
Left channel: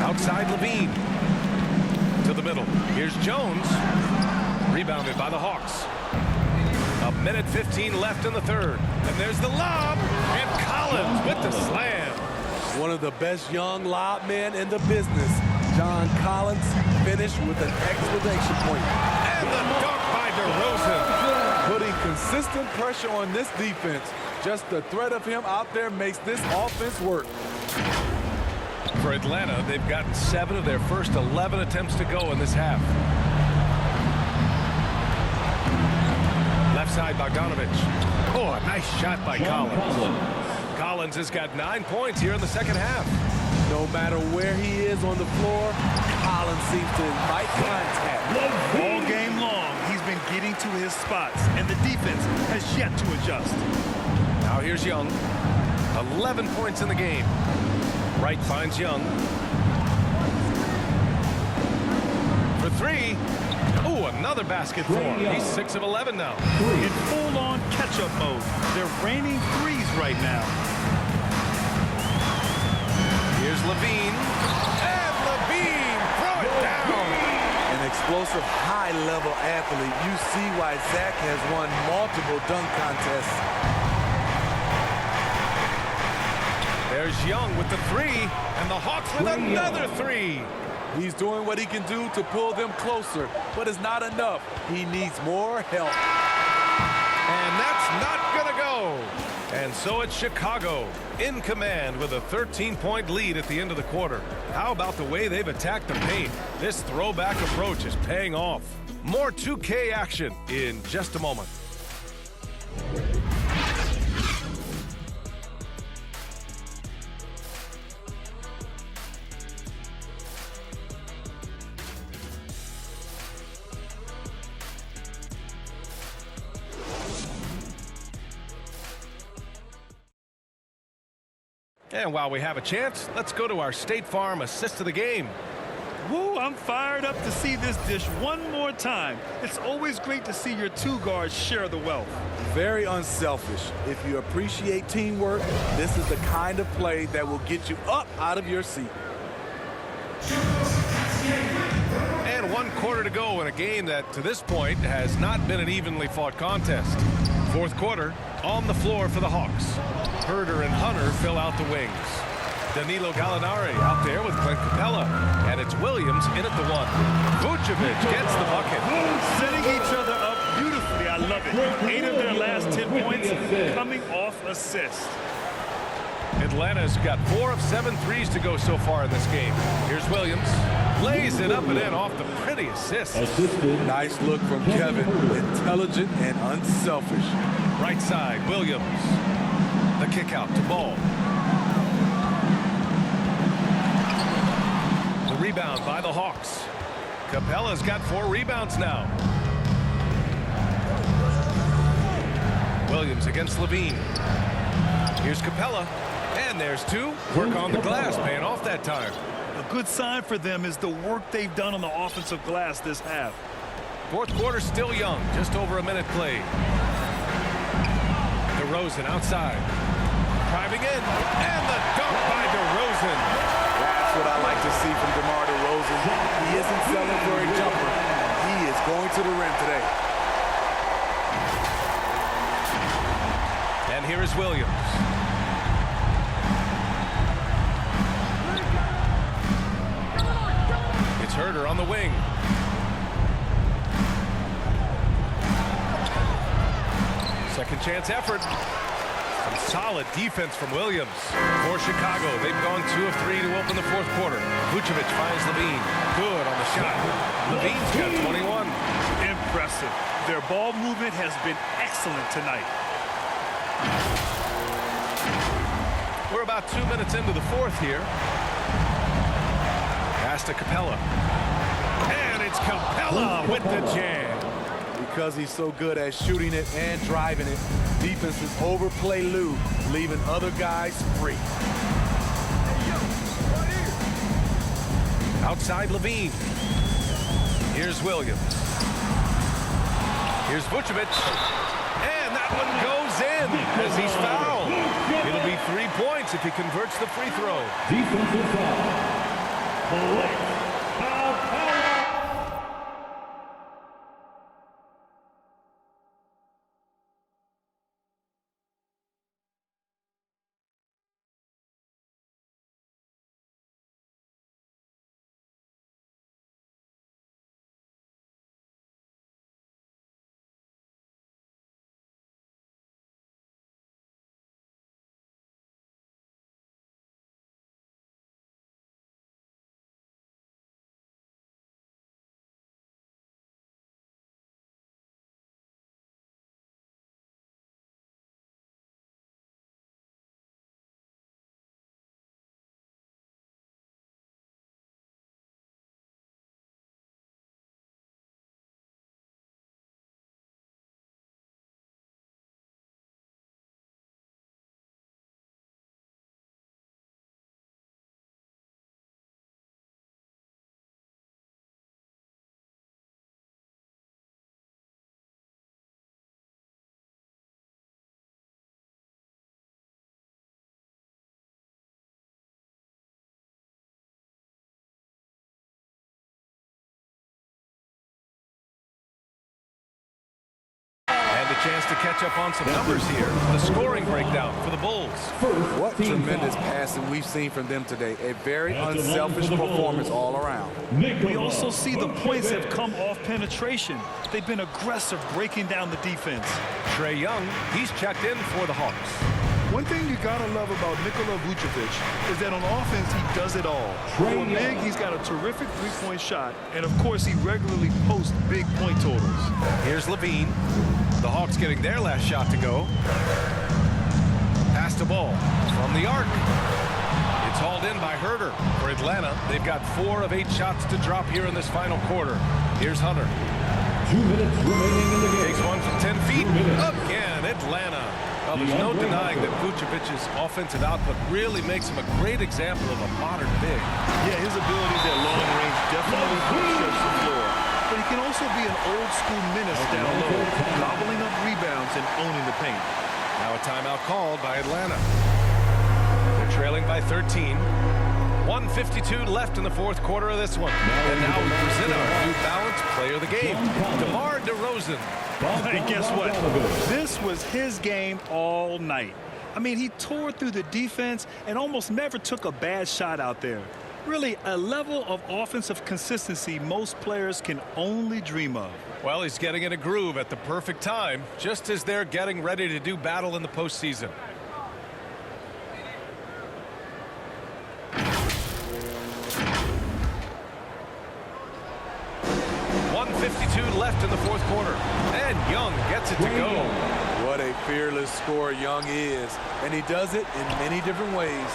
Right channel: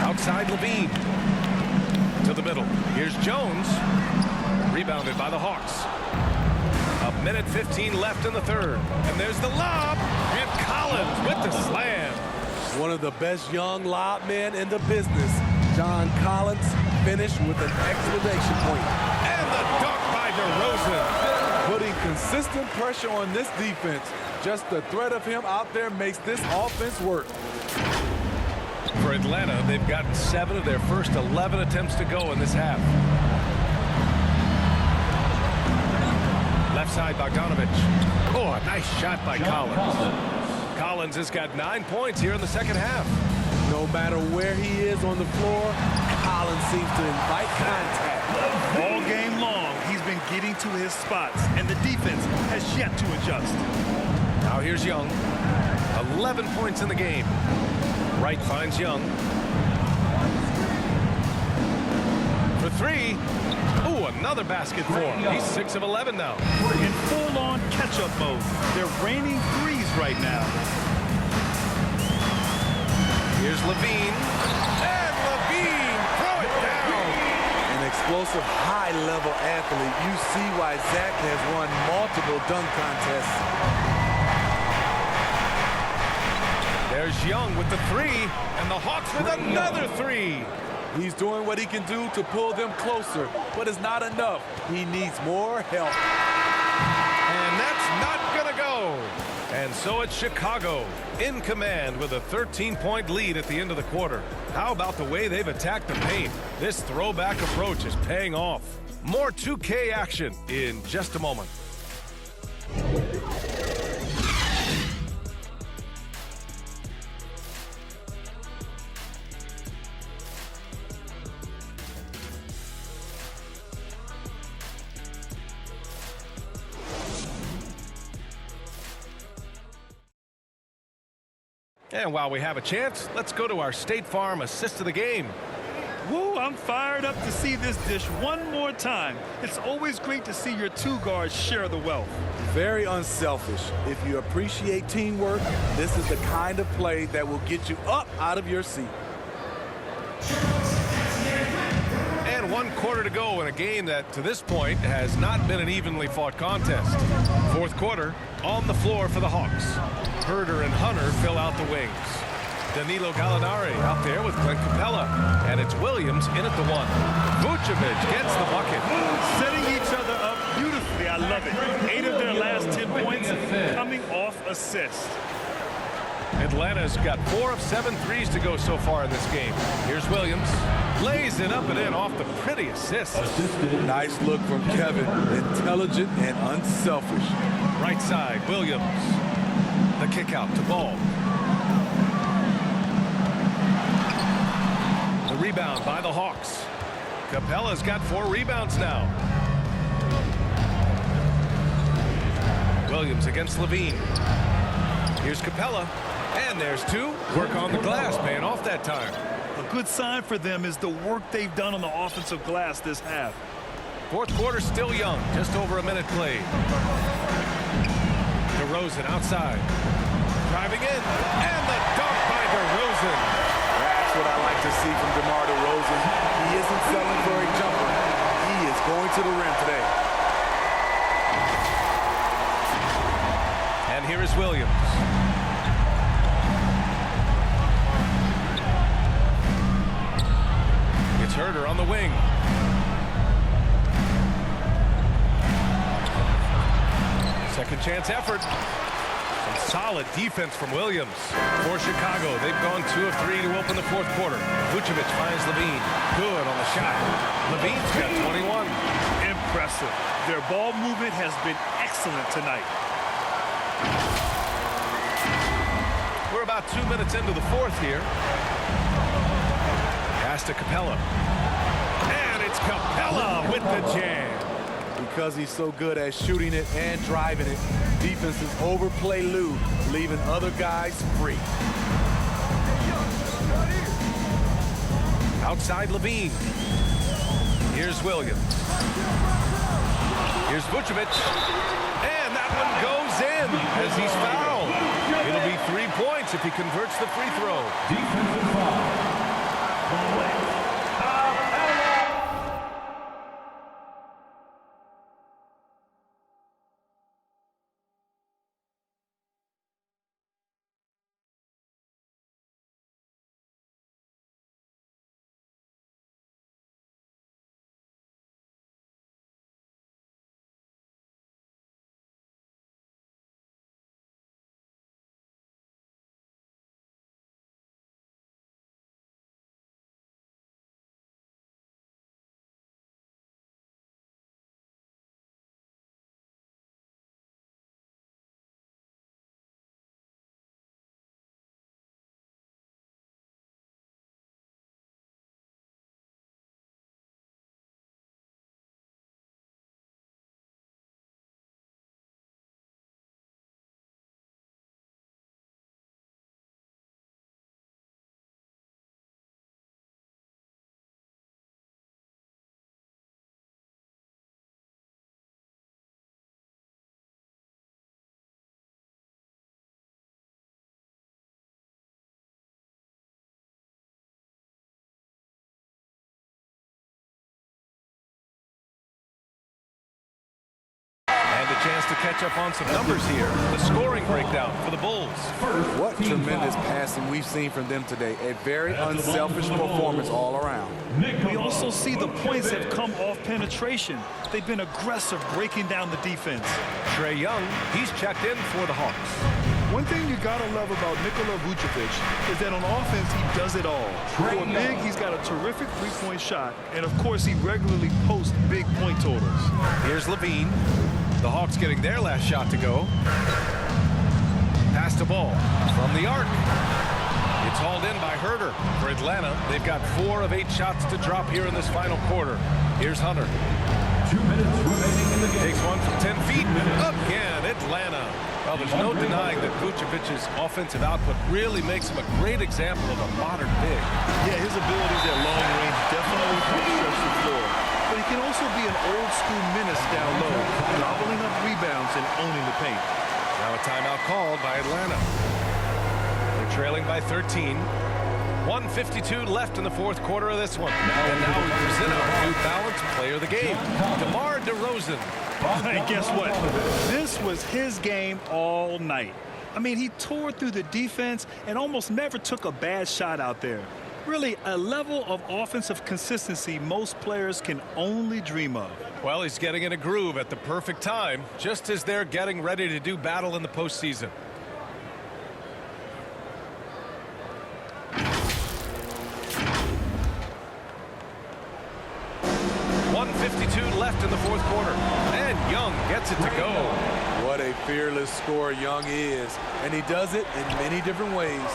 Outside Levine. To the middle. Here's Jones. Rebounded by the Hawks. 1:15 left in the third. And there's the lob. And Collins with the slam. One of the best young lob men in the business. John Collins finished with an exclamation point. And the dunk by DeRozan. Putting consistent pressure on this defense. Just the threat of him out there makes this offense work. For Atlanta, they've gotten 7 of their first 11 attempts to go in this half. Left side, Bogdanovic. Oh, a nice shot by Collins. Collins has got 9 points here in the second half. No matter where he is on the floor, Collins seems to invite contact. All game long, he's been getting to his spots, and the defense has yet to adjust. Now here's Young. 11 points in the game. Wright finds Young. For 3. Ooh, another basket for him. He's 6 of 11 now. In full-on catch-up mode. They're raining threes right now. Here's Levine. And Levine, throw it down. An explosive, high-level athlete. You see why Zach has won multiple dunk contests. There's Young with the 3, and the Hawks with another 3. He's doing what he can do to pull them closer, but it's not enough. He needs more help. And that's not gonna go. And so it's Chicago in command with a 13-point lead at the end of the quarter. How about the way they've attacked the paint? This throwback approach is paying off. More 2K action in just a moment. And while we have a chance, let's go to our State Farm assist of the game. Woo, I'm fired up to see this dish one more time. It's always great to see your 2 guards share the wealth. Very unselfish. If you appreciate teamwork, this is the kind of play that will get you up out of your seat. And 1 quarter to go in a game that, to this point, has not been an evenly fought contest. 4th quarter, on the floor for the Hawks. Herder and Hunter fill out the wings. Danilo Gallinari out there with Clint Capella. And it's Williams in at the 1. Vucevic gets the bucket. Setting each other up beautifully. I love it. 8 of their last 10 points coming off assists. Atlanta's got 4 of 7 threes to go so far in this game. Here's Williams. Lays it up and in off the pretty assist. Nice look from Kevin. Intelligent and unselfish. Right side, Williams. The kick out to Ball. The rebound by the Hawks. Capella's got 4 rebounds now. Williams against Levine. Here's Capella. And there's 2. Work on the glass, paying off that time. A good sign for them is the work they've done on the offensive glass this half. 4th quarter still young, just over a minute played. DeRozan outside. Driving in, and the dunk by DeRozan. That's what I like to see from DeMar DeRozan. He isn't settling for a jumper. He is going to the rim today. And here is Williams. It's Herder on the wing. Second chance effort. Some solid defense from Williams. For Chicago, they've gone 2 of 3 to open the 4th quarter. Vucevic finds Levine. Good on the shot. Levine's got 21. Impressive. Their ball movement has been excellent tonight. We're about 2 minutes into the 4th here. Pass to Capella. And it's Capella with the jam. Because he's so good at shooting it and driving it, defenses overplay Lou, leaving other guys free. Outside Levine. Here's Williams. Here's Vucevic. And that one goes in as he's fouled. It'll be 3 points if he converts the free throw. Defensive foul. Clint Capella. And a chance to catch up on some numbers here. The scoring breakdown for the Bulls. What tremendous passing we've seen from them today. A very unselfish performance all around. We also see the points have come off penetration. They've been aggressive breaking down the defense. Trae Young, he's checked in for the Hawks. One thing you gotta love about Nikola Vucevic is that on offense, he does it all. For a big, he's got a terrific three-point shot, and of course, he regularly posts big point totals. Here's Levine. The Hawks getting their last shot to go. Pass the ball from the arc. It's hauled in by Herder. For Atlanta, they've got 4 of 8 shots to drop here in this final quarter. Here's Hunter. 2 minutes remaining in the game. Takes one from 10 feet. Again, Atlanta. Well, there's no denying that Vucevic's offensive output really makes him a great example of a modern big. Yeah, his abilities at long range definitely help stretch the floor. But he can also be an old-school menace down low, gobbling up rebounds and owning the paint. Now a timeout called by Atlanta. They're trailing by 13. 1:52 left in the fourth quarter of this one. And now we present our New Balance Player of the Game, DeMar DeRozan. And guess what? This was his game all night. I mean, he tore through the defense and almost never took a bad shot out there. Really, a level of offensive consistency most players can only dream of. Well, he's getting in a groove at the perfect time, just as they're getting ready to do battle in the postseason. .52 left in the fourth quarter, and Young gets it to go. What a fearless scorer Young is, and he does it in many different ways.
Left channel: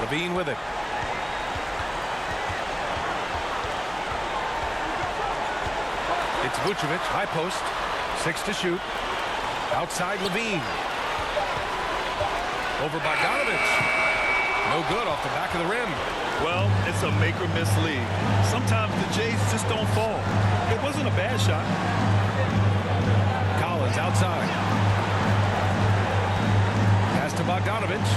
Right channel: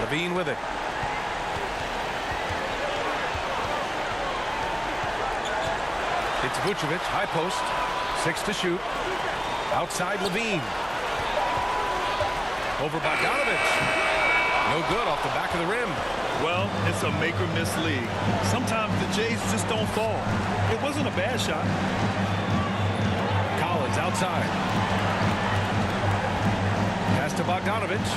Levine with it. It's Vucevic, high post, 6 to shoot. Outside Levine. Over Bogdanovich. No good off the back of the rim. Well, it's a make or miss league. Sometimes the Jays just don't fall. It wasn't a bad shot. Collins outside. Pass to Bogdanovich.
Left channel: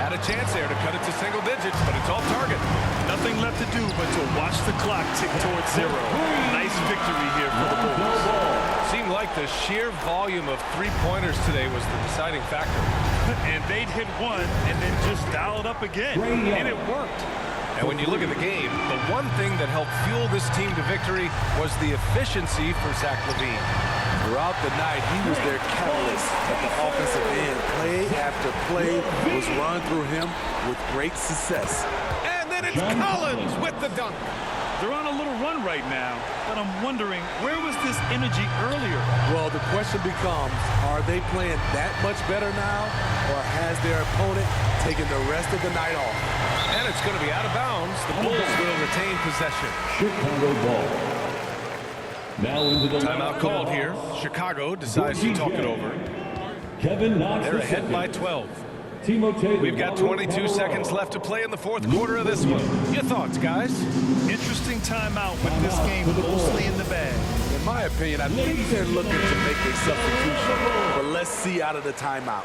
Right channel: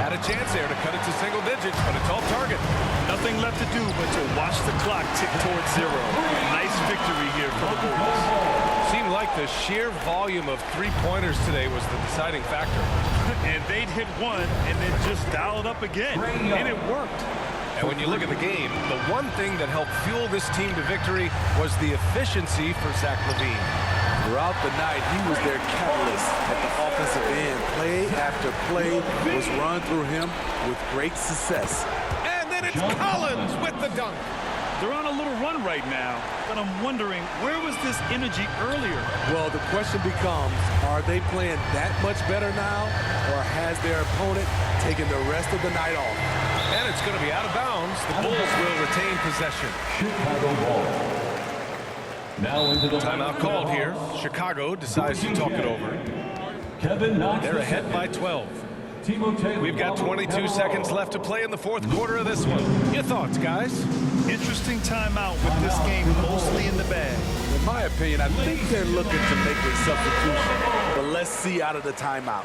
Had a chance there to cut it to single digits, but it's all target. Nothing left to do but to watch the clock tick towards 0. Nice victory here for the Bulls. Seemed like the sheer volume of three-pointers today was the deciding factor. And they'd hit one and then just dial it up again. And it worked. And when you look at the game, the one thing that helped fuel this team to victory was the efficiency for Zach LaVine. Throughout the night, he was their catalyst at the offensive end. Play after play was run through him with great success. And then it's Collins with the dunk. They're on a little run right now, but I'm wondering, where was this energy earlier? Well, the question becomes, are they playing that much better now, or has their opponent taken the rest of the night off? And it's going to be out of bounds. The Bulls will retain possession. Chicago ball. Now into the timeout called here. Chicago decides to talk it over. Kevin Knox. They're ahead by 12. We've got 22 seconds left to play in the fourth quarter of this one. Your thoughts, guys? Interesting timeout with this game mostly in the bag. In my opinion, I think they're looking to make a substitution, but let's see out of the timeout.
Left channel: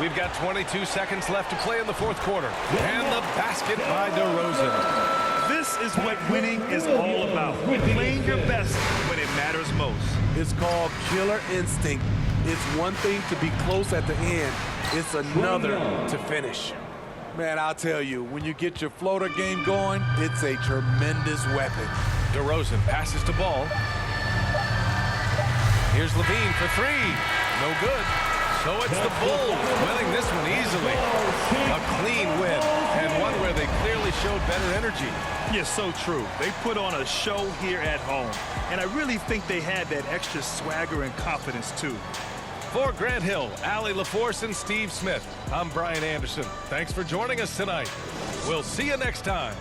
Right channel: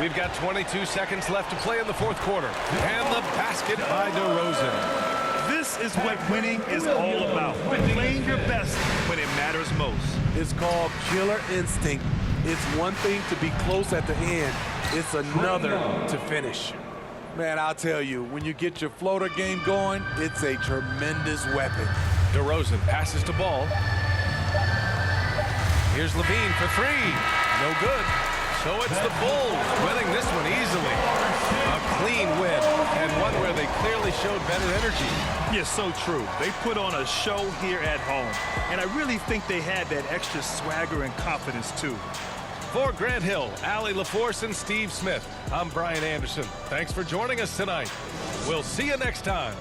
We've got 22 seconds left to play in the fourth quarter. And the basket by DeRozan. This is what winning is all about. Playing your best when it matters most. It's called killer instinct. It's one thing to be close at the end. It's another to finish. Man, I'll tell you, when you get your floater game going, it's a tremendous weapon. DeRozan passes to Ball. Here's Levine for 3. No good. So it's the Bulls winning this one easily. A clean win, and one where they clearly showed better energy. Yeah, so true. They put on a show here at home, and I really think they had that extra swagger and confidence, too. For Grant Hill, Allie LaForce, and Steve Smith, I'm Brian Anderson. Thanks for joining us tonight. We'll see you next time.